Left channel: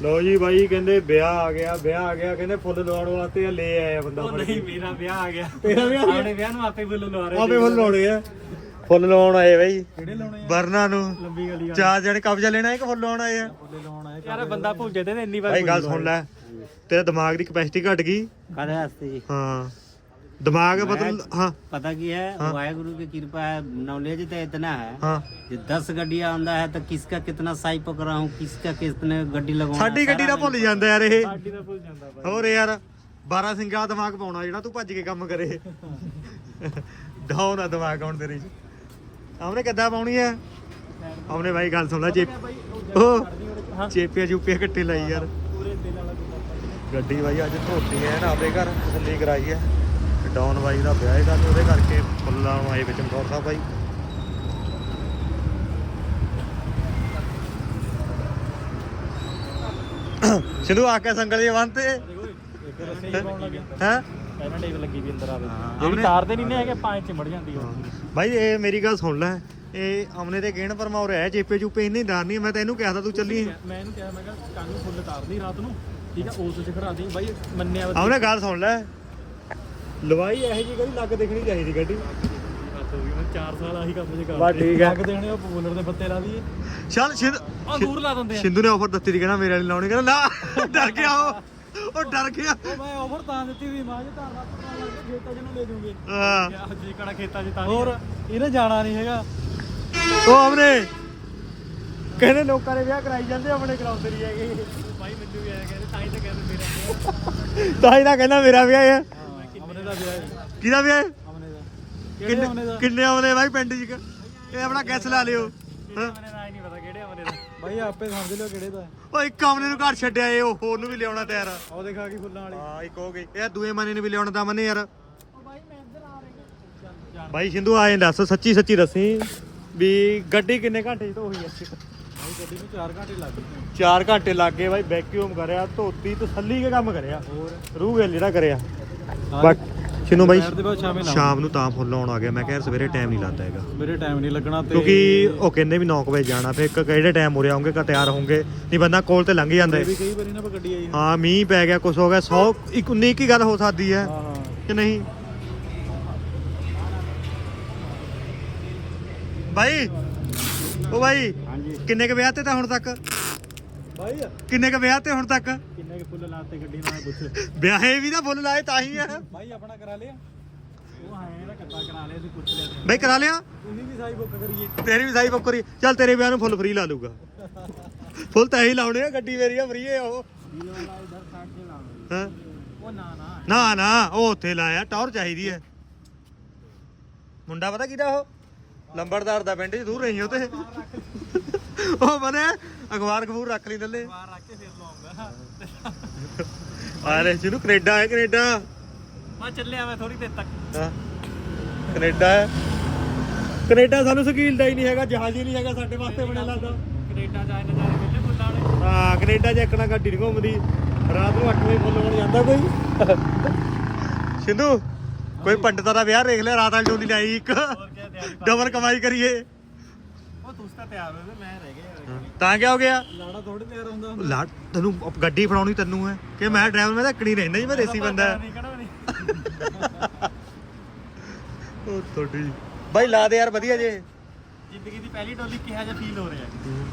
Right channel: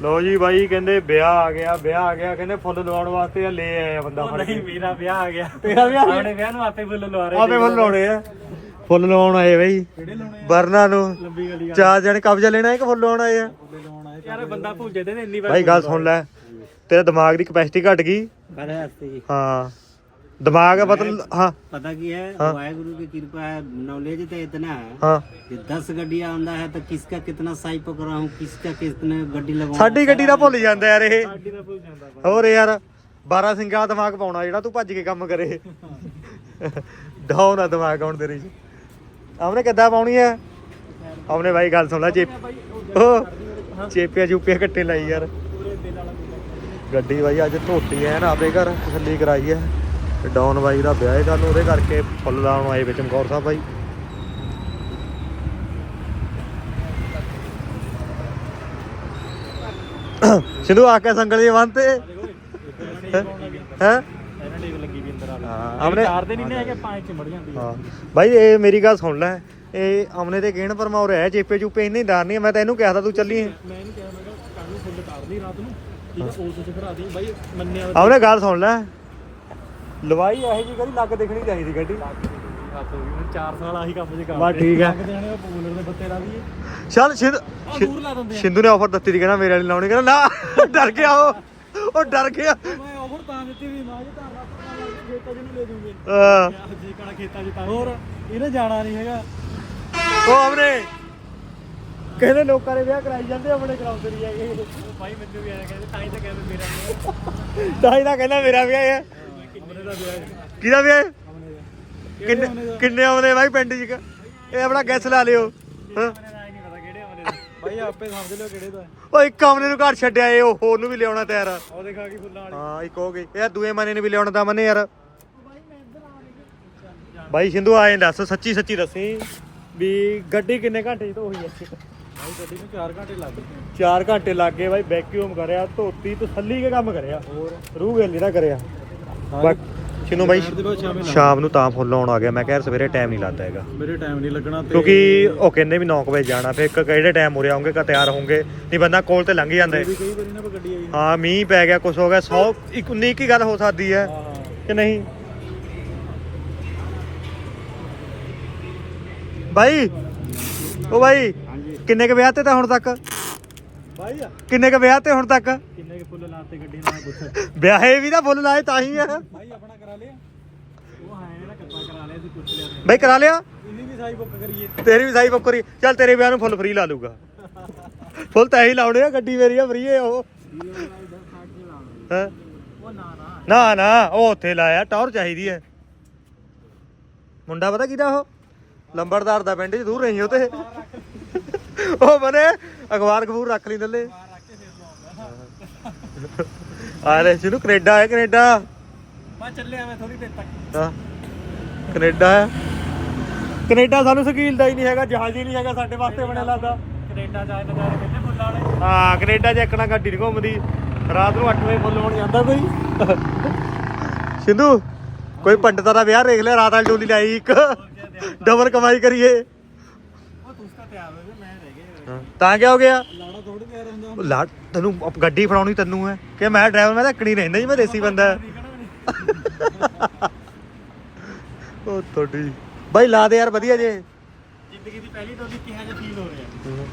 ਲੋ ਜੀ ਬਾਈ ਕਹਿੰਦੇ ਵਿਆਹ ਆ ਗਿਆ ਵਿਆਹ ਆ ਗਿਆ ਕਹਿੰਦੇ ਫੁੱਲ ਲਵਾਉਣ ਵਾਸਤੇ ਆ ਲੈ ਆਇਆ ਬੰਦਾ ਫੜ ਕੇ। ਮੇਰਾ ਵਿਆਹ ਆ ਗਿਆ। ਤੇਰਾ ਵਿਆਹ? ਆਪਣੇ ਵਿਆਹ ਨੂੰ ਆਪੇ ਫੁੱਲ ਲਵਾ ਰਹੇ ਆਪੇ ਫੁੱਲ ਲਾਉਣੇ ਆ। ਫੁੱਲ ਲਾਉਣ ਆਏ ਬਾਈ। ਕਿਹੜੇ ਲਾਉਣੇ ਬਰਨਾ ਨੂੰ। ਲੰਬੀ ਗਲੀ ਚਾਰ ਜਣੇ ਕਬਜ਼ਾ ਲੈਣਾ ਹੈ ਕਿ ਫੁੱਲ ਲਾਉਣ ਆਏ ਆ? ਫੁੱਲੇ ਲਾਉਣਾ ਯਾਰ ਬੰਦਾ ਭੁੱਜਦੇ ਨੇ ਇੰਨੀ ਵਾਰ ਬਾਈ ਗੱਲ ਸੁਣ ਲੈ। ਤੇਰੇ ਦਿਮਾਗ ਦੀ ਕਪੈਸਿਟੀ ਘਟ ਗਈ। ਕਾਹਦੇ ਵਾਸਤੇ ਜੀ। ਹਾਂ। ਦਿਮਾਗ ਬਦਲ ਹਾਂ पता की है हाँ। वाहेगुरु की कृपा है नॉलेज तो इतना है ਹਾਂ कि दस गड्डियां आंदा है तो किसका कितना साई पकड़ा हूँ किसका कितने गड्डी लगवाऊं ਸਾਡੀ ਗੱਡੀ ਦਾ ਭੁੱਲ ਜਾਂਦਾ ਯਾਰ ਇਹ ਸਾਡੀ ਦਾ ਭੁੱਲ ਜਾਂਦਾ ਬਾਈ ਹੋਰ ਯਾਰ 12 ਸਿੰਘਾਂ ਦਾ ਦਿਮਾਗ ਪਾਉਣਾ ਜਿਹੜਾ ਤੂੰ ਭੱਜ ਕੇ ਕੰਮ ਕਰੇ ਡਾਊਨ ਆ ਦਿਮਾਗ ਹੁਣ ਤੇਰੀ ਆਮਨੇ ਕਿੱਦਾਂ ਪਾਉਣੀ ਆ ਆਮਨੇ ਬਾਈ ਗੱਲ ਸੁਣ ਲੈ ਚੇਪ ਉਹ ਚੇਪੀਆਂ ਚੂਪੀਆਂ ਕੱਟੇ ਲਾਈ ਯਾਰ ਗੱਡੀ ਬਾਈ ਅੱਜ ਧੋਤੀ ਐ ਨਾ ਆਪੇ ਘਰ ਤਸੱਲੀ ਕਰਾਈ ਐ ਤੇ ਬਾਈ ਦਾ ਵਿਆਹ ਹੈ ਕੱਲ ਉਹਦੇ ਕਰਕੇ ਫੁੱਲ ਲਾਉਣ ਆਏ ਵਿੱਚ ਚਮਕੌਰ ਸਾਹਿਬ ਬਾਈ। ਸਿੱਧੂ ਆ ਕੇ ਸੰਗਲ ਜੀ ਬੰਨਤੇ ਹੈ? ਇਹਨਾਂ ਡੇ ਲੱਗੀ ਵੀ ਅੰਦਰ ਆ ਹਾਂ, ਗਈ ਆਪਣੇ- ਤਾਰ ਦੇ ਨਹੀਂ ਨੇ ਹੈਗੇ ਪੰਜ ਚਿਮੜ ਜਾਂਦੀ ਹਾਂ। ਬਾਈ ਇਹ ਮੇਰੀ ਗੱਲ ਸੁਣ ਲੈ। ਇਹ ਅਮਨੇ ਦੇ ਗੇਣ ਪਰਮਾਉ ਰਿਹਾ ਚੇਪੇ ਚੂਪੇ ਇੰਨੇ ਡਰ ਨਹੀਂ ਮੈਂ ਤਾਂ ਇਹਨੂੰ ਕਿਹਾ ਤਾ ਤੂੰ ਚੱਲੀ। ਮੈਂ ਇਹਨੂੰ ਕਿਹਾ ਮੈਂ ਕਿਹਾ ਕੱਲ ਨੂੰ ਫੁੱਲ ਤਾਰਦੀ ਰਾਤ ਨੂੰ ਠੀਕ ਹੈ ਉਸ ਚ ਖੜਾ ਦੇ ਬਾਈ ਮੰਨਿਆ ਅਮਨੇ ਗੱਲ ਸੁਣ ਲੈ। ਲਵਾਈ ਇਹੋ ਜੀ ਕਦੀ ਲੱਗ ਦੇਖਣੀ ਚਾਹੀਦੀ ਗੱਡੀ ਹੱਥ ਹੋ ਗਈ ਉਹਨੇ 4 ਸਾਲ ਆਹੀ ਕੰਮ ਜੇ ਬਸ ਠੀਕ ਆ। ਲੱਗਦੇ ਹੋਣੇ ਉਹ ਪੂਲਰ ਦੇ ਬੱਤੇ ਲਾ ਦਈਏ। ਚੱਲ ਸਿੰਧ ਆ ਦੂਰ ਲਾ ਦਿੰਦੇ ਆ। ਸਿੰਧੂ ਨੇ ਆਫਰ ਦਿੱਤੀ ਸੀ ਕਹਿੰਦਾ ਮੇਰੇ ਵਾਲੀ ਲਾਉਣੀ ਕਹਿੰਦਾ ਨਾ ਡਰ ਗਿਆ ਉਹ ਉਹ ਡਰ ਗਿਆ। ਮੈਂ ਆਫਰ ਤਾਂ ਦਿੱਤੀ ਸੀ ਮਾਂ ਜੇ ਧਾਰ ਲਾ ਪਤਾ ਲੱਗ ਗਿਆ ਖੇਤਾਂ ਜਿਹਨੂੰ ਲੈ ਦੂੰਗੇ ਅਹ, ਜੀ ਕਣਾ ਖੇਤਾਂ 'ਚ ਤਾਂ ਹੋਰ? ਇਹਨੇ ਜਾਣਾ ਨਹੀਂ ਹੈਗਾ। ਉਹ ਅਮਨੇ ਕਹਿੰਦੇ ਲੋਕਾਂ ਨੇ ਵਿਆਹ ਕਰਾਈ ਜਾਂਦੇ ਆਪਣੇ ਕਰਾਉਂਦੇ ਨਹੀਂ ਹੈਗੇ। ਉਹ ਭਾਈ ਮੈਨੂੰ ਵੀ ਆਇਆ ਕਹਿੰਦੇ ਤਾਂ ਹੀ ਤਾਂ ਕਹਿੰਦੇ ਮੇਰਾ ਵਿਆਹ। ਤਾਂ ਹੀ ਤਾਂ ਕਹਿੰਦਾ ਮੇਰਾ ਹੈ ਵਿਆਹ ਹੈ। ਕਿਹਦਾ ਵਿਆਹ ਕਿੰਨੇ ਕਿੰਨੇ ਆਉਂਦੇ ਬਾਈ ਪਿੰਡ 'ਚ ਇਹ ਆਪਣਾ ਗੈਸ ਲਾ ਲਿਓ। ਹਾਂ ਭਾਈ ਆਪੇ ਸਮਝ ਲਿਓ ਕਿਹੜੇ ਦਾ ਉਹ ਇੱਕ ਆਮਨੇ ਨੂੰ ਘਰ ਛੱਡਿਆ ਏ ਉਹ ਹੋਰ ਨੂੰ ਵੀ ਲਿਆਉਣਾ ਤਿਆਰ ਆ। ਉਹ ਦੇਖਾ ਕੀ ਫੁੱਲਾਂ ਵਾਲੀ। ਹਾਂ ਇੱਕ ਹੋ ਗਈ। ਇਹ ਦੂਏ ਮਨੇ ਨੇ ਵੀ ਲਿਆਉਣਾ ਤਾਂ ਮਨੇ ਯਾਰ। ਬਾਈ ਸਿੰਧੂ ਆਏ ਦੱਸ ਸੱਚੀ ਸੱਚੀ ਦੱਸੀ। ਵੀ ਗੱਡੀ ਕਿੰਨੇ ਘੰਟੇ ਚ ਧੋਈ ਐ ਭਾਈ ਗੱਡੀ ਨੂੰ 4 ਘੰਟੇ ਲੱਗ ਗਏ। 4 ਘੰਟੇ ਲੱਗ ਗਏ ਬਾਈ ਵੈਕਿਊਮ ਕਰਿਆ ਧੋਤੀ ਤਸੱਲੀ ਕੇ ਕੰਮ ਕਰਿਆ। ਹੋਰ? ਰੂਹ ਗਿੱਲ ਜਿਹੜਾ ਕਰਿਆ। ਸਿੰਧੂ ਬਾਈ? ਦੁਪਹਿਰ ਦੇ ਬਾਅਦ ਸ਼ਾਮੇ ਨੂੰ ਤਾਂ ਫੁੱਲ ਆਉਣ ਆ ਗਿਆ। ਮੈਂ ਕਿਹਾ ਯਾਰ ਸਵੇਰੇ ਟਾਈਮ ਨਹੀਂ ਲੱਗਦਾ ਹੈਗਾ। ਮੇਰੇ ਟਾਈਮ ਨਹੀਂ ਲੱਗਣਾ ਤੇ ਕਿਉਂਕਿ ਉਹ ਕਹਿੰਦੇ ਵੀ 9 ਵਜੇ ਜਾਣਾ ਫਿਰ ਇੱਕ ਕਿਹੜੇ ਟਾਈਮ ਉਰੇ ਆਉਂਗੇ ਕਾ ਤਿਆਰ ਹੋਣਗੇ? ਨਹੀਂ ਬੰਦਾ ਕੋਲ ਤੇ ਲੰਘ ਜਾਂਦਾ ਹੈ। ਵੀ ਕਈ ਵਾਰੀ ਨਾ ਆਪਾਂ ਗੱਡੀ ਆਈ ਹਾਂ ਮੀਂਹ ਪੈ ਗਿਆ ਕੁਝ ਹੋ ਗਿਆ 100 ਇੱਕ 19 ਕੀ ਗੱਲ ਹੋ ਸਕਦੀ ਹੈ। ਹਾਂ ਕਿ ਨਹੀਂ? ਬਾਈ ਉਹ ਬਾਈ ਕਿੰਨੇ ਕ ਵਿਆਹ ਤੇ ਤਾਂ ਹੁਣ ਤੱਕ? ਭਾਈ ਕਿੰਨੇ ਕ ਵਿਆਹ ਤੇ ਹੁਣ ਤੱਕ? ਕਿੰਨੇ ਕੇ ਫੁੱਲ ਲਾਤੇ ਗੱਡੀ ਨਾਲ ਪੁੱਛ। ਵਿਆਹੇ ਵੀ ਤਾਂ ਫੁੱਲ ਲਾਏ ਤਾਂ ਹੀ ਆ। ਭਾਈ ਆਪਣਾ ਕਰਾ ਲਿਆ। ਉਹ ਹੈ ਇਹਦਾ ਕੱਟਾ ਕਰਾ ਲਿਆ ਸੀ ਪੁੱਛ ਲਿਆ। ਸੀ ਬਾਈ ਕਰਾ ਲਿਆ? ਇੰਨੀ ਵੀ ਸਾਈ ਬੁੱਕ ਕਰੀਏ। ਤੇਰੀ ਵੀ ਸਾਈ ਬੱਕਰੀ ਚੱਲ ਤੇਰੇ ਵਿਆਹ ਨੂੰ ਫੁੱਲ ਫ੍ਰੀ ਲਾ ਲੂਗਾ ਫੁੱਲ ਤਾਂ ਹੀ ਲਾਉਣੇ ਆ ਗੱਡੀ ਮੇਰੀ ਆ ਫ੍ਰੀ ਹੈ ਉਹ। ਹੈਂ? ਉਹ ਨਾ ਨਾ। ਨਾ ਨਾ ਉਹ ਉੱਥੇ ਲਾਇਆ ਟੌਰ ਚਾਹੀਦੀ ਹੈ ਮੁੰਡਾ ਪਤਾ ਕਿਹਦਾ ਉਹ? ਲੰਬੜਦਾਰ ਦਾ ਪਿੰਡ 'ਚ ਦੂਰ ਨਹੀਂ ਉਹ ਤੇ ਉਹ ਬਨੇ ਅਖਬਾਰ ਖਬੂਰ ਰੱਖ ਲਈ ਥੱਲੇ ਬਾਹਰ ਰੱਖ ਕੇ ਫੇਰ ਲਾਉਂਗਾ ਆਰੇ ਜਿਹਨੂੰ ਕੈਨੇਡਾ ਹੈ ਕੈਨੇਡਾ। ਮੈਂ ਚੱਲਿਆ ਮੈਂ ਥੋੜੀ ਦੇਰ ਤੱਕ। ਹਾਂ ਕੈਨੇਡਾ ਕੈਨੇਡਾ ਸਾਨੂੰ ਸਕੀਲ ਦਾ ਹੀ ਨਹੀਂ ਹੈਗਾ ਜਹਾਜ਼ ਹੀ ਨਹੀਂ ਹੈਗਾ ਸਾਡੇ ਵਾਸਤੇ ਬਣਿਆ ਲੱਗਦਾ। ਕੈਨੇਡਾ ਜਾਏ ਨਜ਼ਾਰੇ ਕਿੰਨੇ ਫੁੱਲਾਂ ਵਾਲੇ। ਹਾਂ ਕੈਨੇਡਾ 'ਚ ਇੱਕਣਾ ਗੱਡੀ ਨਹੀਂ ਘੁੰਮਦੀ। ਰਾਤ ਨੂੰ 8 ਵਜੇ ਫੁੱਲ ਹੋਣ ਜਾਂਦਾ ਕੋਈ। ਸਿੰਧੂ ਕੋਈ ਪੰਡਤਾਂ ਦਾ ਵਿਆਹ ਦੇਖ ਲਿਆ ਰਾਤ ਵਾਲੀ ਡੋਲੀ ਲਾਈ ਇੱਕ। ਡਬਲ ਕਮਾਈ ਕਰੀਏ। ਉਹ ਤੁਸੀਂ ਤਾਂ ਤਿਆਰ ਹੋ ਗਏ ਮੈਂ ਰਹਿ ਤਾਂ ਕੀ ਹੋ ਗਿਆ? ਲਾੜਾ ਥੋੜੀ ਤਿਆਰ ਹੁੰਦਾ ਲਾ ਤੈਨੂੰ ਗੱਡੀ ਫੜਾਉਣੀ ਤੈਨੂੰ ਹੈ। ਕਿ ਮੈਂ ਡਰਾਈਵਰ ਮੈਂ ਤਾਂ ਰਹਿੰਦਾ ਜੀ ਮੈਂ ਦੇਸੀ ਬੰਦਾ। ਹੈ। ਉਹ ਤੁਹਾਡੀ। ਬਾਈ ਲਾ ਦੇ ਯਾਰ ਵਧੀਆ ਜੇ। ਜ਼ਿੰਦਗੀ ਦੀ ਪਹਿਲੀ ਡੋਲੀ ਕਿਹਾ ਜਿਹਾ ਫੀਲ ਹੋ ਰਿਹਾ।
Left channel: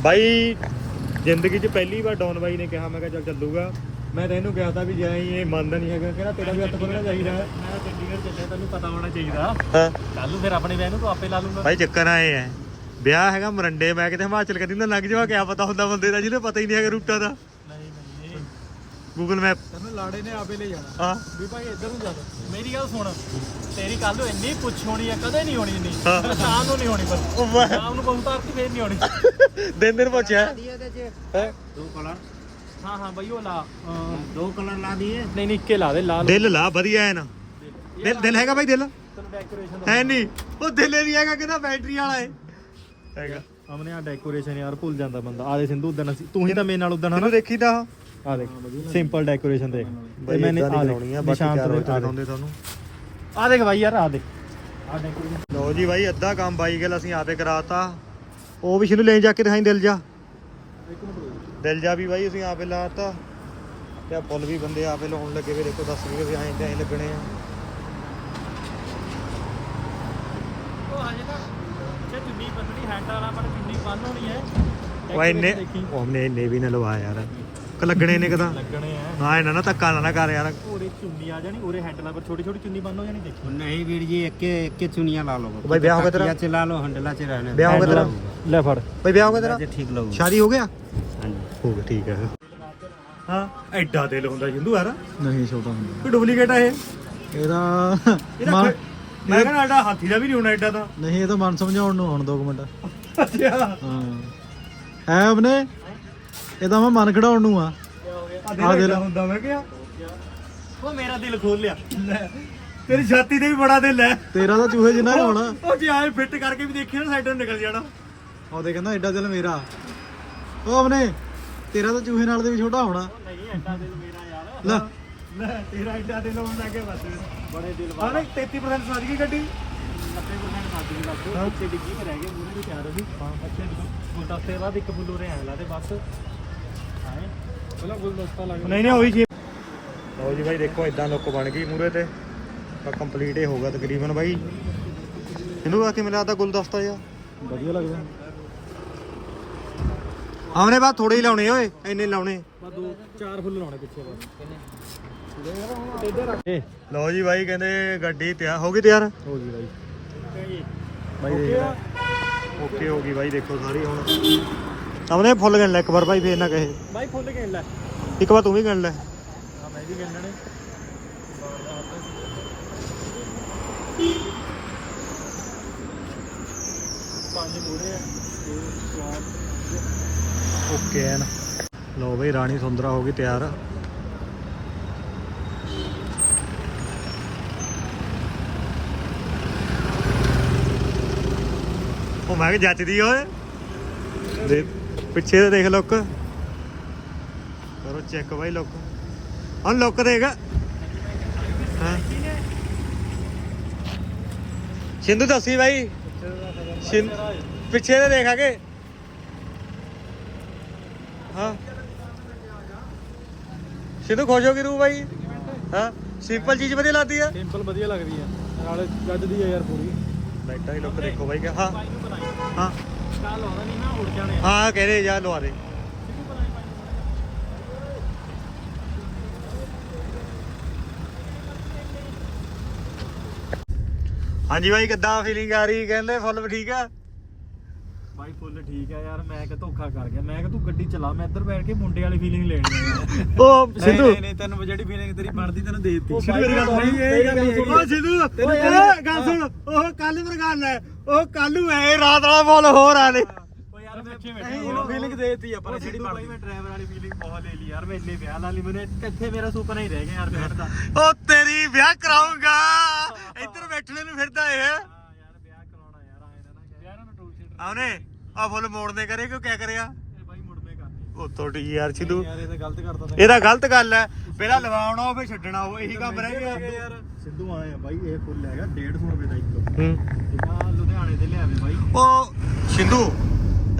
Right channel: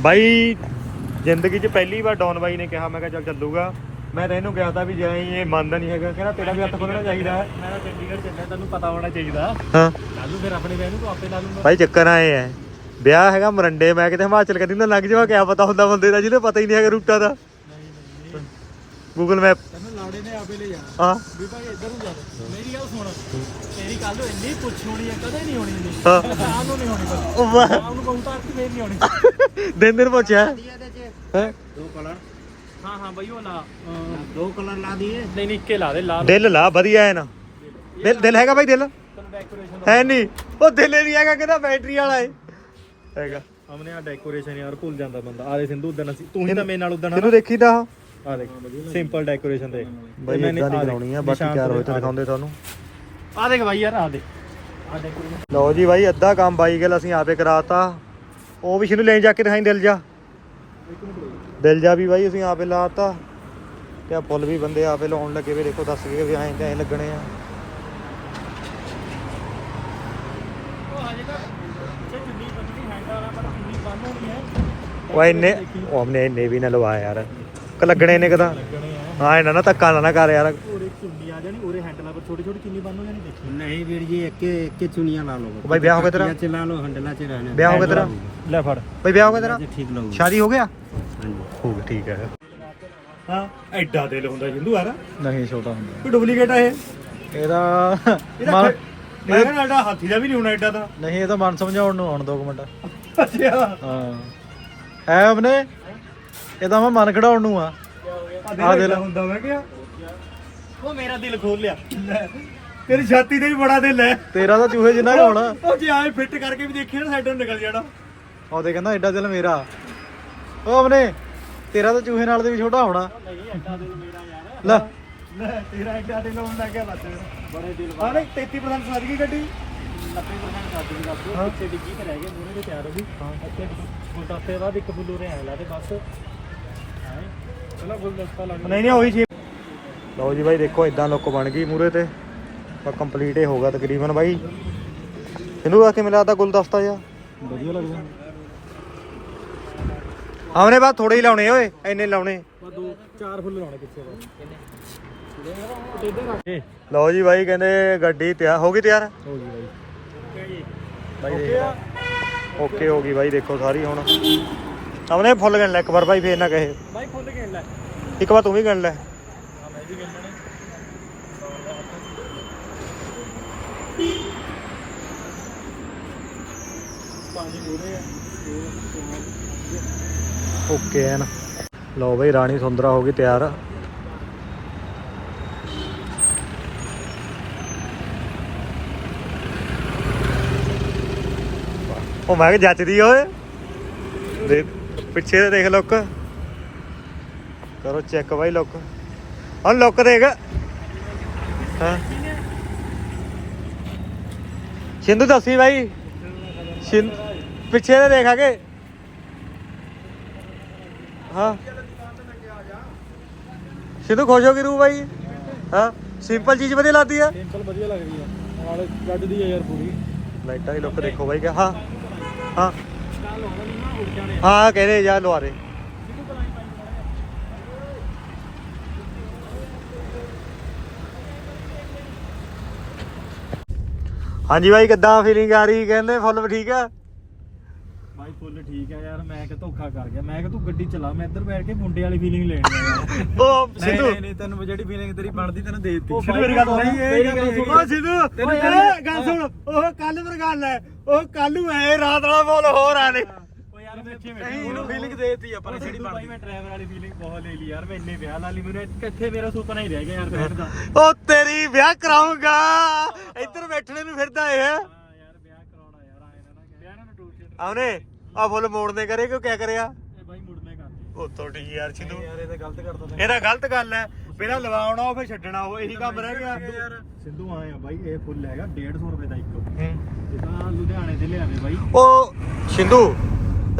ਬਾਈ ਜ਼ਿੰਦਗੀ 'ਚ ਪਹਿਲੀ ਵਾਰ ਡੌਨ ਬਾਈ ਨੇ ਕਿਹਾ ਮੈਂ ਕਿਹਾ ਚੱਲ ਚੱਲੂਗਾ। ਮੈਂ ਤਾਂ ਇਹਨੂੰ ਕਿਹਾ ਤਾਂ ਵੀ ਜੇ ਇਹ ਮੰਨਦਾ ਨਹੀਂ ਹੈਗਾ ਕਹਿੰਦਾ ਤੇਰਾ ਵੀ ਹੱਥ ਖੋਲਣਾ ਚਾਹੀਦਾ ਹੈ। ਮੈਂ ਤਾਂ ਚੰਡੀਗੜ੍ਹ ਚੱਲਿਆ ਤੈਨੂੰ ਪਤਾ ਹੋਣਾ ਚਾਹੀਦਾ। ਹਾਂ। ਕੱਲ ਨੂੰ ਫਿਰ ਆਪਣੇ ਵਿਆਹ ਨੂੰ ਤੂੰ ਆਪੇ ਲਾ ਲੂੰਗਾ ਬਾਈ ਚੱਕਰ ਆਏ ਐ। ਵਿਆਹ ਹੈਗਾ ਮਰੰਡੇ ਮੈਂ ਕਿਤੇ ਹਿਮਾਚਲ ਕਦੀ ਨਾ ਲੱਗ ਜਾਵਾਂ ਕਿਆ ਪਤਾ ਹੁੰਦਾ ਬੰਦੇ ਦਾ ਜਿਹਨੇ ਪਤਾ ਹੀ ਨਹੀਂ ਹੈਗਾ ਰੂਟਾ ਦਾ। ਗੂਗਲ ਮੈਪ ਕਹਿੰਦਾ ਲਾੜੇ ਨੇ ਆਪੇ ਲੈ ਜਾਣਾ। ਹਾਂ। ਵੀ ਭਾਈ ਇੱਧਰ ਨੂੰ ਜਾ ਮੇਰੀ ਗੱਲ ਸੁਣ ਤੇਰੀ ਕੱਲ ਨੂੰ ਇੰਨੀ ਪੁੱਛ ਹੋਣੀ ਆ ਕਦੇ ਨਹੀਂ ਹੋਣੀ ਨਹੀਂ ਸ਼ਾਮ ਨੂੰ ਨਹੀਂ ਹੋਣੀ। ਪਰ ਉਹ ਦਿਲ ਹੈਗਾ ਬੈਟਰੀ ਹੈਗਾ। ਸਾਹਮਣੇ ਆ ਡੈਕੋਰੇਸ਼ਨ ਯਾਰ ਭੁੱਲ ਜਾਂਦਾ ਬੰਦਾ। ਆ ਦੇ ਸਿੰਧੂ ਉਦਣ ਅਸੀਂ ਤੂੰ ਹੀ ਤਾਂ ਮੇਰੇ ਨਾਲ ਉਦਣ ਤੈਨੂੰ ਦੇਖੀਦਾ ਆ ਦੇਖ ਸਿੰਪਲ ਡੈਕੋਰੇਸ਼ਨ ਦੇਖ। ਬਾਈ ਇਦਾਂ ਨਹੀਂ ਕਰਾਉਣੀ ਆ ਬਾਕੀ ਚਾਰ ਆ ਦੇਖ। ਦਿਖਾਉਂਦੇ ਤੁਹਾਨੂੰ। ਆ ਦੇਖ ਬਾਈ ਯਾਰ ਆ ਦੇ ਆ ਡੈਕੋਰੇਸ਼ਨ ਲਓ ਜੀ ਬਾਈ ਅੱਧਾ ਕੰਮ ਬਾਈ ਗਿਲ ਅਸੀਂ ਆਪੇ ਕਰਾਤਾ। ਉਹ ਵੀ ਸ਼ਨੂੰ ਲੈ ਜਾ ਕੇ ਦਿਖਾਈ ਦਿਲ ਜਾ। ਦਿਲ ਜਾ ਵੀ ਬਾਈ ਅਸੀਂ ਆਪੇ ਲਾਤਾ। ਤੇ ਫੁੱਲ ਵੀ ਬੰਦੇ ਆਪੇ ਲਾਉਣ ਲੱਗੇ ਵੀ ਦੇਖੋ ਦੱਸ ਗਏ ਵੀ ਐਂ ਐਂ ਲੱਗਣੇ ਆ। ਉਹ ਹਜੇ ਤਾਂ ਜੇ ਚੁੰਨੀ ਬੰਨਣੀ ਹੈਂਡ ਵਾਲਾ ਪਰ ਚੁੰਨੀ ਬੰਨ ਹੋਣੀ ਹੈ ਉਹ ਇਹਨੇ ਉਹ ਹਮਨੇ ਇਹਨੇ ਵੀ ਨਾ ਲਵਾ ਯਾਰ। ਕ ਲੱਗਣੇ ਨੇ ਕਦਾ? ਹਾਂ ਇਹਨਾਂ ਨਾ ਧੱਕਾ ਨਾ ਨਾ ਕਰ ਯਾਰ। ਸ਼ਾਦੀ ਹੋ ਗਿਆ? ਹੋ ਗਿਆ ਠੀਕ ਹੈ। ਹਾਂ ਐਡਾ ਦਿਲ ਹੁੰਦਾ ਜਿੰਦੂ ਯਾਰ। ਨਹੀਂ ਛੋਟਾ ਹੁੰਦਾ। ਕੋਈ ਡੁਪਲੀਕੇਟ ਆ ਇਹ? ਇਹਦਾ ਮੈਂ ਕਹਿੰਦਾ ਹਾਥੀ ਦਾ ਵੀ ਨਹੀਂ ਹੋਣਾ ਐਡਾ ਦਾ ਨਹੀਂ ਇਹ ਤਾਂ ਮਨ ਸਮਝਾਉਣ ਨੂੰ ਹੁਣ 2 ਮਿੰਟ। ਅੱਛਾ ਹਾਂ। ਹੈ ਆਪਣੇ ਇਹ ਤਾਂ ਮੈਂ ਮਨ ਖੜਾਉਣ ਨੂੰ ਆ। ਆ ਦਿਲ ਹੁੰਦਾ ਮੈਂ ਕਿਹਾ ਉਹ ਮੇਰਾ ਦਿਲ ਖੋਲ ਲਿਆ। ਲੈ, ਤੇਰੀ ਛਾਤੀ ਤੇ ਵੀ ਬੜਾ ਦਿਲ ਹੈ। ਤੇਰਾ ਤਾਂ ਚੂਹੇ ਜਿੰਨਾ ਹੀ ਹੋਣਾ। ਉਹ ਜੇ ਆਏ ਫਿੱਟ ਕਰਕੇ ਵੀ ਦੇਖੀ ਨਾ ਸਾਈਡੋਂ ਨਿਕਲ ਜਾਣਾ। ਉਹਦੇ ਕਹਿੰਦਾ ਐਡਾ ਦਿਲ ਮੇਰਾ। ਉਹ ਆਪਣੇ ਤੇਰਾ ਤਾਂ ਚੂਹੇ ਨਾਲ ਦੇ ਵੀ ਛੋਟਾ ਹੋਣਾ। ਨਹੀਂ ਐਡਾ ਦਿਲ ਮੇਰਾ ਯਾਰ। ਲੈ। ਲੈ ਤੇਰਾ ਐਡਾ ਦਿਲ ਹੋਣ ਲੱਗ ਗਿਆ ਬਸ। ਬੜੇ ਦਿਲ ਨਹੀਂ 33% ਸੱਜ ਗਈ ਗੱਡੀ। 90% ਸਾਡੀ ਦੱਸ ਦਿਓ ਪਿੱਛੇ ਡਿੱਗੀ ਤੇ ਰਹਿ ਗਏ ਮੂਰੇ ਤੇ ਤਿਆਰ ਹੋ ਗਈ। ਅੱਛੇ ਗੁਲਦਸਤੇ ਬਾਅਦ ਇੱਕ ਫੁੱਲ ਉਰੇ ਆਇਆ ਲਾ ਤੇ ਬਸ। ਆਏ। ਪਹਿਲਾਂ ਗੁਲਦਸਤਾ ਲੱਗ ਨਹੀਂ ਨਹੀਂ ਉਹੀ ਜੀ ਲਓ ਜੀ ਬਾਈ ਦੇਖੋ ਇਦਾਂ ਲੁੱਕ ਬਣ ਗਈ ਮੂਰੇ ਤੇ। ਕੰਪਲੀਟ ਹੀ ਹੋਗਾ ਤਕਰੀਬਨ ਬਾਈ। ਇਹਨੂੰ ਆ ਕੇ ਮਿਲਾ ਤਾ ਗੁਲਦਸਤਾ ਜਿਹਾ। ਵਧੀਆ ਲੱਗਦਾ। ਆਉਣੇ ਬਾਅਦ ਥੋੜੇ ਹੀ ਲਾਉਣੇ ਓਏ ਐਨੇ ਲਾਉਣੇ। ਬਸ ਦੋ ਚਾਰ ਫੁੱਲ ਲਾਉਣੇ ਪਿੱਛੇ ਬਸ। ਲਓ ਜੀ ਬਾਈ ਕਹਿੰਦੇ ਗੱਡੀ ਤਿਆਰ ਹੋ ਗਈ ਤਿਆਰ? ਹੋ ਗਈ ਬਾਈ। ਬਾਈ ਓਕੇ ਹੋ ਗਈ ਬਾਈ ਦੇਖੋ ਸਾਰੀ ਹੁਣ। ਆਉਣੇ ਫੁੱਲ ਗਣ ਲੈ ਇੱਕ ਵਾਰ ਬਾਈ ਫੇਰ ਨਾ ਕਹੇ। ਬਾਈ ਫੁੱਲ ਗੇਣ ਲੈ। ਇੱਕ ਵਾਰ ਤੂੰ ਵੀ ਗਣ ਲੈ। ਮੈਂ ਵੀ ਓਕੇ ਐਨ। ਲਓ ਬਈ ਰਾਣੀ ਸੁੰਦਰਾ ਹੋ ਗਈ ਤਿਆਰ। ਉਹ ਮੈਂ ਕਿ ਜੱਚਦੀ ਓਏ। ਦੇ, ਪਿੱਛੇ ਤੇ ਦੇਖ ਲੁੱਕ। ਕਰੋ ਚੈੱਕ ਬਾਈ ਲੁੱਕ। ਹਾਂ ਲੁੱਕ ਦੇਖ। ਹਾਂ। ਸਿੰਧੂ ਦੱਸੀ ਬਾਈ। ਪਿੱਛੇ ਤੇ ਦੇਖਾਂਗੇ ਹਾਂ। ਸਿੰਧੂ ਖੁਸ਼ ਹੋ ਗਈ ਰੂ ਬਾਈ? ਹਾਂ। ਸਿੰਪਲ ਚੀਜ਼ ਵਧੀਆ ਲੱਗਦੀ ਆ। ਸਿੰਪਲ ਵਧੀਆ ਲੱਗਦੀ ਆ। ਨਾਲ ਗੱਡਦੀ ਆ ਯਾਰ ਪੂਰੀ। ਲਾਈਟਾਂ ਦੀ ਲੁੱਕ ਦੇਖੋ ਬਾਈ ਕਿ ਹਾਂ ਹਾਂ। ਕੱਲ ਆਉਂਦਾ ਨਹੀਂ ਨਾ ਉੜ ਜਾਣੇ ਆ। ਹਾਂ ਕਹਿੰਦੇ ਜਾ ਲਵਾ ਦੇ। ਹਾਂਜੀ ਬਾਈ ਕਿੱਦਾਂ ਫੀਲਿੰਗ ਆ ਰਹੀ? ਕਹਿੰਦੇ ਫੁੱਲ ਠੀਕ ਆ? ਬਾਈ ਫੁੱਲ ਠੀਕ ਆ ਯਾਰ ਮੈਂ ਕਿ ਧੋਖਾ ਕਰ ਗਿਆ। ਮੈਂ ਕਿ ਤੂੰ ਗੱਡੀ ਚਲਾ ਮੈਂ ਇੱਧਰ ਬੈਠ ਕੇ ਮੁੰਡੇ ਵਾਲੀ ਫੀਲਿੰਗ ਲੈਣੀ ਆ ਉਹ ਸਿੱਧੂ। ਨਹੀਂ ਤੈਨੂੰ ਜਿਹੜੀ ਫੀਲਿੰਗ ਤੇਰੀ ਬਣਦੀ ਤੈਨੂੰ ਦੇ ਦਿੱਤੀ। ਸਿੱਧੂ ਮੇਰੀ ਗੱਲ ਸੁਣ। ਇਹ ਗੱਲ ਨਹੀਂ ਉਹ ਸਿੱਧੂ ਤੈਨੂੰ ਇਹ ਗੱਲ ਸੁਣ। ਉਹ ਕੱਲ ਦੀ ਗੱਲ ਹੈ। ਉਹ ਕੱਲ ਨੂੰ ਇਹ ਰਾਤ ਵਾਲਾ ਫੁੱਲ ਹੋਰ ਆ ਨੇ ਓ ਯਾਰ ਮੈਂ ਪਿੱਛੇ ਬੈਠਾ ਉਹਨੂੰ ਫੀਲਿੰਗ ਦੇ ਦਿੱਤੀ ਆਪਾਂ ਨੇ ਸਿੱਧੂ ਬਾਈ ਮੈਂ ਡਰਾਈਵਰ ਵਾਲੀ ਫੀਲਿੰਗ ਬਹੁਤ ਲੈ ਲਈ ਯਾਰ ਮੈਂ ਇੰਨੇ ਵਿਆਹ ਨਾਲ ਹੀ ਮੈਨੂੰ ਕਿੱਥੇ ਮੇਰਾ ਸੁਪਨਾ ਹੀ ਰਹਿ ਗਿਆ ਯਾਰ ਬੈਠ ਦਾ। ਉਹ ਤੇਰੀ ਵਿਆਹ ਕਰਾਉਂਗਾ ਇੱਧਰ ਬੈਠਣੇ ਨੂੰ ਫਿਰਦਾ ਇਹ। ਨਾ ਨਾ ਨਾ ਆਉਨੇ। ਆ ਫੁੱਲ ਮੋੜਨੇ ਕਰੇ ਕਿਉਂ ਕਿਆ ਕਰਿਆ? ਇਹ ਬਾਈ ਮੁੜਮੇ ਕਰਦੇ ਉਹ ਤੋੜੀ ਯਾਰ ਸਿੱਧੂ। ਯਾਰ ਇਹ ਤਾਂ ਗਲਤ ਕਰਦਾ ਤੈਂ ਇਹਦਾ ਗਲਤ ਗੱਲ ਹੈ ਪਹਿਲਾਂ ਲਵਾਉਣਾ ਉਹ ਫਿਰ ਛੱਡਣਾ ਉਹ ਇਹੀ ਕੰਮ ਰਹਿ ਗਿਆ। ਯਾਰ ਸਿੱਧੂ ਆਇਆ ਬਾਈ ਇਹ ਫੁੱਲ ਹੈਗਾ 150 ਰੁਪਏ ਦਾ ਇੱਕ। ਹੂੰ। ਜਿੱਦਾਂ ਲੁਧਿਆਣੇ ਤੇ ਲਿਆਵੇ ਬਾਈ। ਉਹ ਸਿੰਧੂ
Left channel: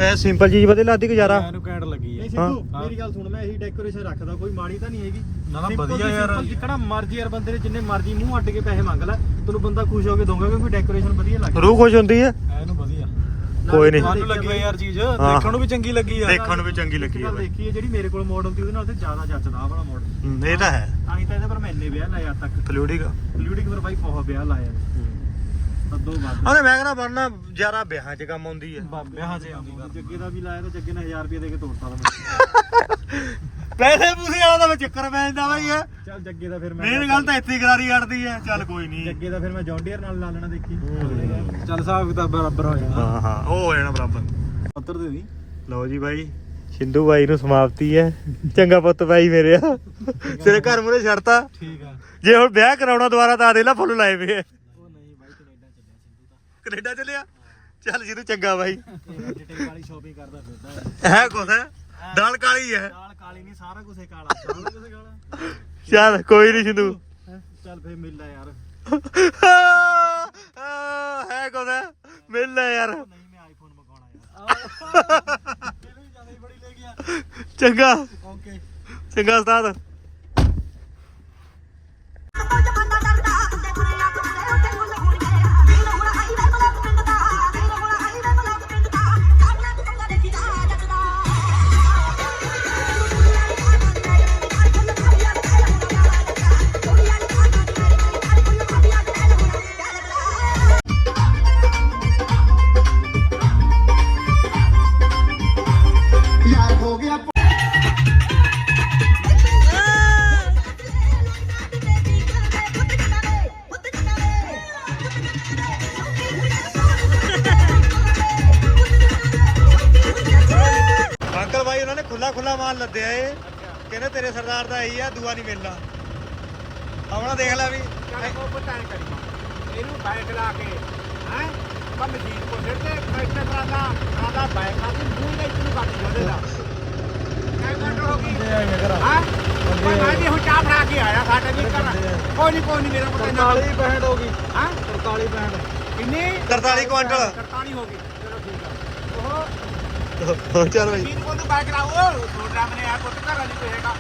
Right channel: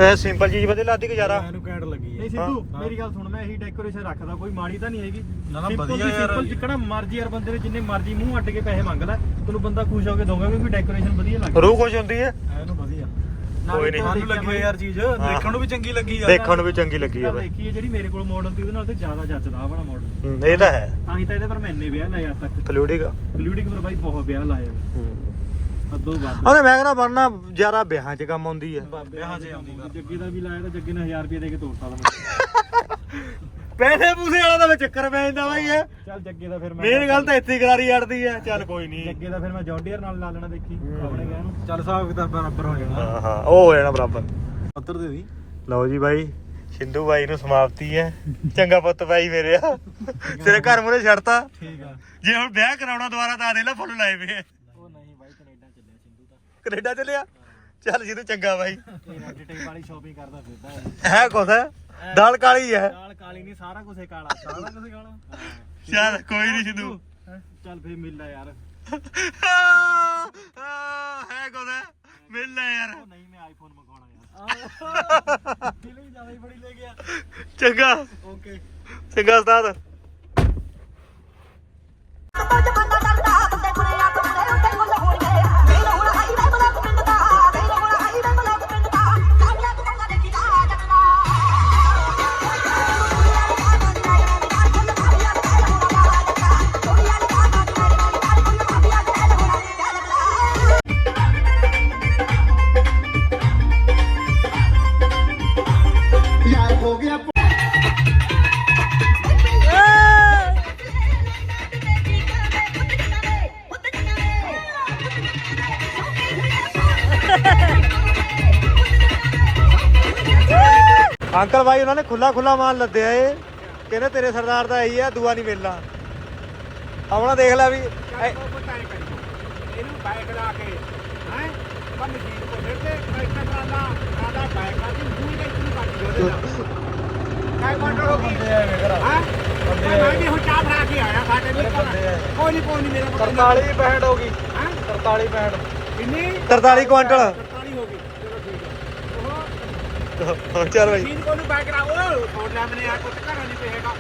ਐ ਸਿੰਪਲ ਚੀਜ਼ ਵਧੀਆ ਲੱਗਦੀ ਗੁਜ਼ਾਰਾ। ਇਹਨੂੰ ਕੈਂਡ ਲੱਗੀ ਹੈ ਨਹੀਂ ਸਿੱਧੂ ਮੇਰੀ ਗੱਲ ਸੁਣ ਮੈਂ ਇਹੀ ਡੈਕੋਰੇਸ਼ਨ ਰੱਖਦਾ ਕੋਈ ਮਾੜੀ ਤਾਂ ਨਹੀਂ ਹੈਗੀ। ਨਾ, ਨਾ, ਵਧੀਆ ਯਾਰ। simple ਜਿੱਕਣਾ ਮਰਜ਼ੀ ਯਾਰ ਬੰਦੇ ਨੇ ਜਿੰਨੇ ਮਰਜ਼ੀ ਮੂੰਹ ਅੱਡ ਕੇ ਪੈਸੇ ਮੰਗ ਲੈ ਤੈਨੂੰ ਬੰਦਾ ਖੁਸ਼ ਹੋ ਕੇ ਦਊਗਾ ਕਿਉਂਕਿ ਡੈਕੋਰੇਸ਼ਨ ਵਧੀਆ ਲੱਗਦੀ। ਰੂਹ ਖੁਸ਼ ਹੁੰਦੀ ਹੈ। ਕੋਈ ਨਹੀਂ। ਤੁਹਾਨੂੰ ਲੱਗੀ ਹੈ ਯਾਰ ਚੀਜ਼। ਦੇਖਣ ਨੂੰ ਵੀ ਚੰਗੀ ਲੱਗੀ ਯਾਰ। ਦੇਖਣ ਨੂੰ ਵੀ ਚੰਗੀ ਲੱਗੀ ਆ ਬਈ ਦੇਖੀ ਹੈ ਜਿਹੜੀ ਮੇਰੇ ਕੋਲ ਮਾਡਲ ਸੀ ਉਹਦੇ ਨਾਲ ਤੇ ਜ਼ਿਆਦਾ ਜੱਚਦਾ ਆਹ ਵਾਲਾ ਮਾਡਲ ਇਹ ਤਾਂ ਹੈ। ਤਾਂ ਹੀ ਤਾਂ ਇਹਦੇ ਪਰ ਮੈਂ ਇੰਨੇ ਵਿਆਹ ਲਾਇਆ ਤੱਕ। ਫਲੂਡਿਕ ਲਿਊਡਿਕ ਪਰ ਬਾਈ ਬਹੁਤ ਵਿਆਹ ਲਾਇਆ ਉਹਨੇ ਮੈਂ ਕਹਿੰਦਾ ਬਣਨਾ ਜ਼ਿਆਦਾ ਵਿਆਹਾਂ 'ਚ ਕੰਮ ਆਉਂਦੀ ਹੈ। ਵਿਆਹ ਤੇ ਆਉਂਦਾ ਜੱਗੇ ਦਾ ਵੀ ਲਾਇਆ ਤਾਂ ਜੱਗੇ ਨੇ 1000 ਰੁਪਏ ਦੇ ਕੇ ਤੋੜਤਾ ਤਾਂ ਪੈਸੇ ਪੂਸੇ ਵਾਲਾ ਤਾਂ ਚੱਕਰ ਪੈ ਜਾਂਦਾ ਬਾਈ ਇਹ। ਚੱਲ ਜੱਗੇ ਦਾ ਫਿਰ ਮੈਂ ਮੇਨ ਗੱਲ ਤਾਂ ਇੱਥੇ ਹੀ ਕਰਾਰੀ ਅੜਦੀ ਹੈ। ਚੱਲ ਕੋਈ ਨਹੀਂ। ਜੱਗੇ ਦਾ ਫਿਰ ਮੈਂ ਜੌਂਡੀਅਰ ਨਾਲ ਲਾ ਲੈਣਾ ਦੇਖੀ। ਚੱਲ ਹਿਸਾਬ ਕਿਤਾਬ ਬਰਾਬਰ ਹੋ ਜਾਣਾ। ਹਾਂ ਹਾਂ ਉਹ ਹੋ ਜਾਣਾ ਬਰਾਬਰ। ਉੱਤਰ ਦੇ ਦੀ। ਲਓ ਜੀ ਬਾਈ ਸਿੰਧੂ ਬਾਈ ਨੂੰ ਸਮਾਪਤੀ ਹੈ। ਚੰਗਾ ਪੁੱਤ ਬਾਈ ਮੇਰੇ ਆ। ਤੇਰੇ ਘਰ ਮੁਰੇ ਛੱਡਤਾ। ਠੀਕ ਆ। ਜੇ ਹੁਣ ਵਿਆਹ ਕਰਾਉਣਾ ਦੁਬਾਰਾ ਤਾਂ ਦੇ ਲੈ ਫੁੱਲ ਲਾਏ ਆ। ਉਹ ਨਹੀਂ ਬਾਈ ਕੈਨੇਡਾ ਚੱਲਿਆ ਸਿੰਧੂ ਤਾਂ। ਕੈਨੇਡਾ ਚੱਲਿਆ? ਚੱਲ ਸਿੰਧੂ ਚੰਗਾ ਬਾਈ। ਵੈਜੀਟੇਬਲ ਵਾਲੀ ਸ਼ਾਪਿੰਗ ਕਰਦਾ ਫਿਰਦਾ। ਹੈ ਕੁਛ ਹੈ? ਦਾਲ ਕਾਲੀ ਹੈ। ਦਾਲ ਕਾਲੀ ਨਹੀਂ ਸਾਰਾ ਕੁਝ ਕਾਲਾ। ਸਾਰਾ ਕੁਝ ਕਾਲਾ। ਚੱਲ ਕੋਈ ਨਹੀਂ ਸਿੰਧੂ ਚੱਲ ਫੇਰ ਮਿਲ ਲੈ ਯਾਰ। ਹੈ ਹੈ ਮਿਲ ਲੈ ਯਾਰ। ਨਹੀਂ ਮੈਂ ਆਈਫੋਨ ਮੰਗਵਾਉਣਾ ਯਾਰ। ਚੰਗਾ। ਓਕੇ। ਚੰਗਾ ਉਸਤਾਦ। ਖੁੱਲਾ ਖੁੱਲਾ ਮਾਲ ਲੱਦਿਆ ਏ। ਕਹਿੰਦੇ ਤੇਰੇ ਸਰਦਾਰ ਦਾ ਇਹੀ ਆ ਦੂਆ ਨਹੀਂ ਮਿਲਣਾ। ਆਪਣਾ ਦੇਖ ਲੈ ਵੀ ਐ- ਇਹਨੂੰ ਬਾਈਕ ਲਾ ਕੇ ਹੈ? ਮਸ਼ੀਨ ਕੋ ਫਿਰ ਤੇ ਟਰੈਕਟਰ ਟਰਾਲਾ ਟਰਾਲਾ ਬਾਈਕ ਆ ਦੀ ਮੂੰਹ ਨਹੀਂ ਤੂੰ ਕੱਟ ਉਹਦੇ ਦਾ। ਕਾਈ ਕੰਟਰੋਲ ਹੋ ਗਈ ਹਾਂ? ਮੈਂ ਵੀ ਹੁਣ ਚਾਹ ਫੜਾ ਕੇ ਆਇਆ ਸਾਡੇ ਵੀ ਘਰ ਕੋਈ ਨਹੀਂ ਕੋਈ ਨਹੀਂ ਮੇਰਾ ਪਤਾ 43 65 ਹੋ ਗਈ। ਹਾਂ? 43 65 ਕਿੰਨੀ? 43 ਕੁਆਂਟਲ 43 ਹੋ ਗਈ ਚਲੋ ਮਸ਼ੀਨ ਕੋਲ ਉਹ ਮੈਨੇ ਆ ਘਰ ਨਹੀਂ ਪਏਗਾ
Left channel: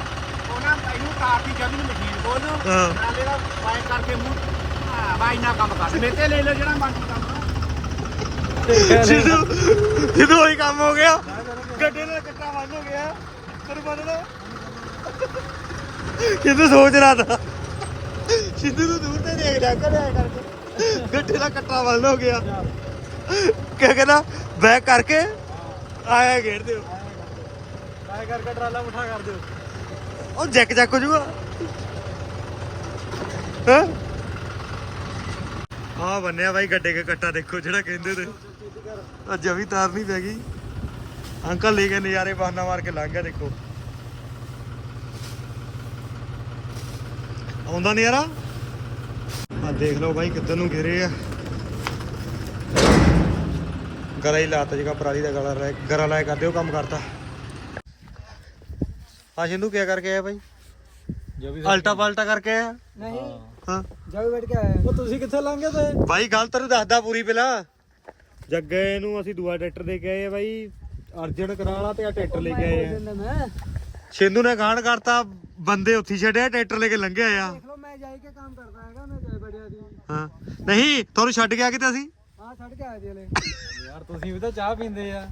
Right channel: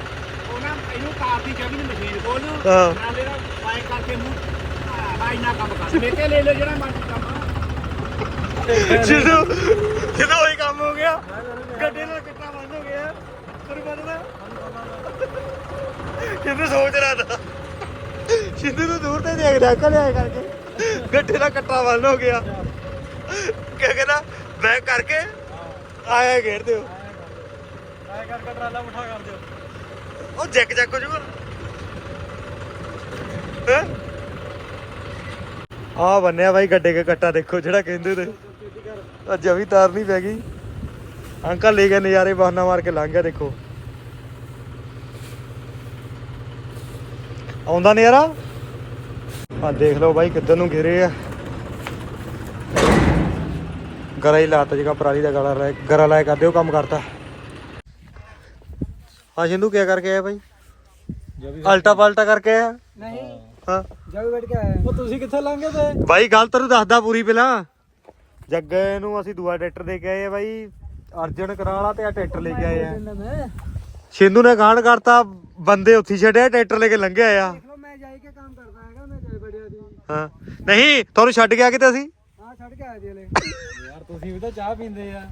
ਉਹਨਾਂ ਇਹਨੂੰ ਕਾਰ ਦੀ ਜਗ੍ਹਾ ਨਹੀਂ ਮਸ਼ੀਨ ਕੋਲ ਨੂੰ ਹਾਂ। ਟਰਾਲੇ ਦਾ ਬਾਈਕ ਕਰਕੇ ਮੂੰਹ ਆ ਬਾਈ ਨਾ ਕੰਮ ਕਰ ਮੇਤੇ ਲੈ ਲਓ ਜਿਹੜਾ ਮਰਜ਼ੀ ਕੰਮ ਜਦੋਂ ਜਦੋਂ ਹੀ ਕੰਮ ਹੋ ਗਿਆ। ਗੱਡੇ ਨਾਲ ਕੱਟਾ ਬੰਦ ਹੋ ਗਿਆ। ਪਰ ਬੰਦ ਕਿਦੋਂ ਸੋਚ ਰਹਾ ਥਾ ਸਿੱਧੂ ਨੂੰ ਦੂਰ ਤੇ ਦੇਖ ਰਿਹਾ ਕਰਿਆ ਗੱਡੇ ਨਾਲ ਕੱਟਾ ਬੰਦ ਹੋ ਗਿਆ। ਕਿਆ ਕਹਿੰਦਾ? ਬੈਕ ਕਰਕੇ ਆਇਆ ਘੇਰ ਦਿਓ। ਮੈਂ ਕਰਕੇ ਟਰਾਲਾ ਮੁੱਠਾ ਕਰ ਦਿਓ। ਉਹ ਜੈਕ ਜੈਕ ਹੋ ਜੂਗਾ ਹਾਂ? ਆ ਬੰਨਿਆ ਬਾਈ ਗੱਡੇ ਕੇ ਕੱਟਾ ਦੇਖੋ ਜਿਹੜਾ ਕਹਿੰਦੇ ਤੇ। ਅੱਜ ਵੀ ਤਾਰ ਨਹੀਂ ਪੈ ਗਈ। ਅੰਕਲ ਲੈ ਕੇ ਨਜ਼ਾਰੇ ਬਹਾਨਾ ਮਾਰ ਕੇ ਲੰਘ ਗਿਆ ਦੇਖੋ। ਆਉਂਦਾ ਨਜ਼ਾਰਾ? ਆ ਦੇਖ ਲਓ ਬਾਈ ਕਿੱਧਰ ਨੂੰ ਘਿਰੇ ਆ। ਗਲਾ ਹੀ ਲਾਤਾ ਜਗਾ ਪਰਾਲੀ ਦਾ ਗਲਾ ਰਹਿ ਗਰਾ ਲਾਇਆ ਕਰਦੇ ਉਹ ਕੰਮ ਕਰਤਾ। ਹਾਂ ਸਿੰਧੂ ਕੀ ਕਰਕੇ ਆਇਆ ਬਾਈ? ਜੋ ਵੀ ਅਲਟਾ ਪਲਟਾ ਕਰਕੇ ਆਇਆ? ਨਹੀਂ। ਹਾਂ। ਜਾ ਵੀ ਬੈਠ ਕੇ ਆਇਆ। ਉਹ ਤੁਸੀਂ ਕਿੱਥੇ ਲੰਘੇ ਤੇ? ਬਾਈ ਗੱਲ ਤੈਨੂੰ ਦੱਸਦਾ ਪੂਰੀ ਪਹਿਲਾਂ। ਜੱਗੇ ਨੂੰ ਅਸੀਂ ਦੂਆ ਟਰੈਕਟਰ ਦੇ ਕੇ ਆਏ ਆ ਬਾਈ। ਅਰਜਨ ਕਰਾਲਾ ਤੇ ਆ ਟਰੈਕਟਰ ਲੈ ਕੇ ਆਏ ਆ। ਸਿੰਧੂ ਨੇ ਗਾਂਢ ਕਰਤਾ ਬੰਦੇ ਉੱਥੇ ਛੱਡਿਆ ਟਰੈਕਟਰ ਲੈ ਕੇ ਲੰਘਿਆ ਆ। ਲੋ ਮੈਂ ਜਾਈ ਕੇ ਕੰਮ ਕਰਦਾ ਹੈਗਾ ਮੈਂ ਜਾਈ ਬੜਿਆ ਦੀ ਹਾਂ। ਨਹੀਂ ਤੁਹਾਨੂੰ ਛੱਡ ਕੇ ਆ ਕਿਤੇ ਅਸੀਂ? ਹਾਂ ਛੱਡ ਕੇ ਆਏ ਦੀ ਹਲੇ। ਯਾਰ ਤੁਸੀਂ ਵੀ ਤਾਂ ਚਾਹ ਪੀਂਦੇ ਆ।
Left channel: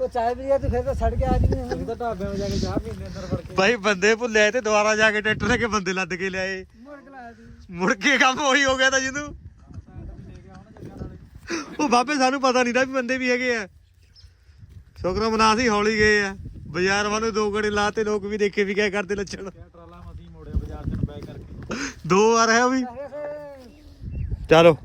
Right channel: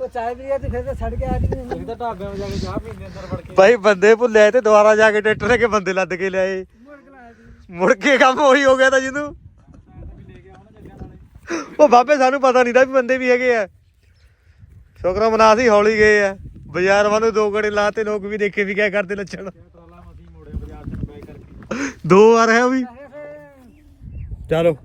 ਉਹ ਚਾਹ ਪੀ ਆ ਤੇ ਫਿਰ ਤਾਂ ਛੱਡ ਕੇ ਆ ਜੀ ਤੁਸੀਂ ਤਾਂ ਢਾਬਿਆਂ 'ਤੇ ਜਾ ਕੇ ਚਾਹ ਪੀਂਦੇ ਅੰਦਰ ਵੜ ਕੇ। ਬਾਈ ਬੰਦੇ ਭੁੱਲੇ ਤੇ ਦੁਬਾਰਾ ਜਾ ਕੇ ਟਰੈਕਟਰ ਕੇ ਬੰਦੇ ਲੱਦ ਕੇ ਲਿਆਏ। ਮੁੜ ਕੇ ਕੰਮ ਉਹੀ ਹੋ ਗਿਆ ਤਾਂ ਜਿੰਦੂ ਉਹ ਬਾਬੇ ਸਾਨੂੰ ਪਤਾ ਨਹੀਂ ਦਾ ਵੀ ਬੰਦੇ ਵੀ ਹੈਗੇ ਆ। ਸ਼ੁਕਰ ਮਨਾ ਸੀ ਹੌਲੀ ਗਏ ਆ। ਬਾਜ਼ਾਰ ਵਾਂ ਨੂੰ ਦੋ ਗੜੇ ਲਾਤੇ ਲੋਕ ਵੀ ਦੇਖੇ ਵੀ ਕਿਆ ਕਰਦੇ ਲੱਛਣ। ਦੋ ਵਾਰ ਹੈ ਉਹ ਵੀ। ਚਲੋ।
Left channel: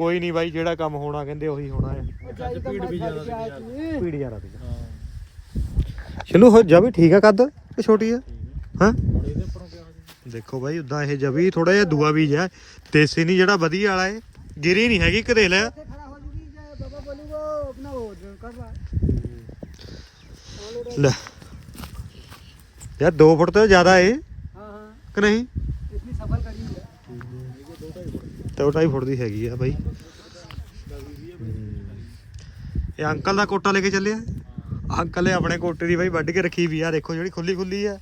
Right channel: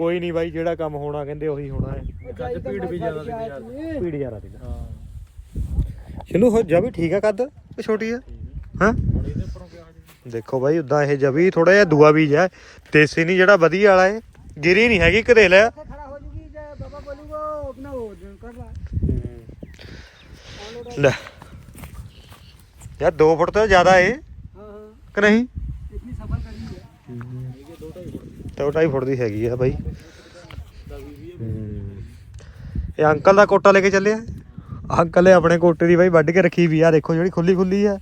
ਕੋਈ ਨਹੀਂ ਬਾਈ ਜਿਹੜਾ ਕੰਮ ਹੋਣਾ ਕਹਿੰਦੇ ਉਹੀ ਹੋਣਾ ਹੈ। ਅੱਜ ਭੀੜ ਵੀ ਜ਼ਿਆਦਾ ਸੀ ਬਾਜ਼ਾਰ 'ਚ ਪੀੜ ਯਾਰਾ ਤੇ ਹਾਂ। ਚਲੋ ਹੋ ਜਾ ਵੀ ਠੀਕ ਆ ਕੱਦ ਛੋਟੀ ਆ? ਹਾਂ? ਉੱਪਰੋਂ ਦੇਖੋ ਬਾਈ ਉਦਾਂ ਇਹ ਜਵੀ ਥੋੜਾ ਜਿਹਾ ਦੂਆ ਬੀਜ ਹੈ ਦੇਸੀ ਨਹੀਂ ਜਿਹੜਾ ਵਧੀਆ ਵਾਲਾ ਹੈ ਗਿਰੀ ਨਹੀਂ ਹੈਗੀ ਕਦੇ ਲੈ ਖੜਾ ਹੋ ਜੂਗੀ ਜੇ ਬਾਬਾ ਬੋਲੂਗਾ ਆਪਣਾ ਹੋ ਕਰ ਲਾ। ਲੈ। ਯਾਰ 2 ਫੁੱਟ ਤੋਂ ਜ਼ਿਆਦਾ ਏ ਹਾਂ ਹਾਂ। ਕਿ ਨਹੀਂ? ਇਤਨੀ ਸਫਰ ਕਰੀ ਹੈ। ਤੇ ਉਹ ਢਾਈ ਫੁੱਟ ਦੀ ਹੈਗੀ ਆ ਬਾਈ। ਇਹ ਅੰਕਲ ਦਾ ਕੋਟਾ ਲੈ ਕੇ ਚੱਲਿਆ ਅੰਕਲ ਨੇ ਆਪਣੇ ਕੋਟੇ ਦੀ ਬਾਈ ਵੱਢ ਕੇ ਰੱਖੀ ਵੀ ਆ, ਦੇਖੋ ਜਿਹੜੀ ਖੁੱਲੀ ਖੁੱਲੀ ਆ।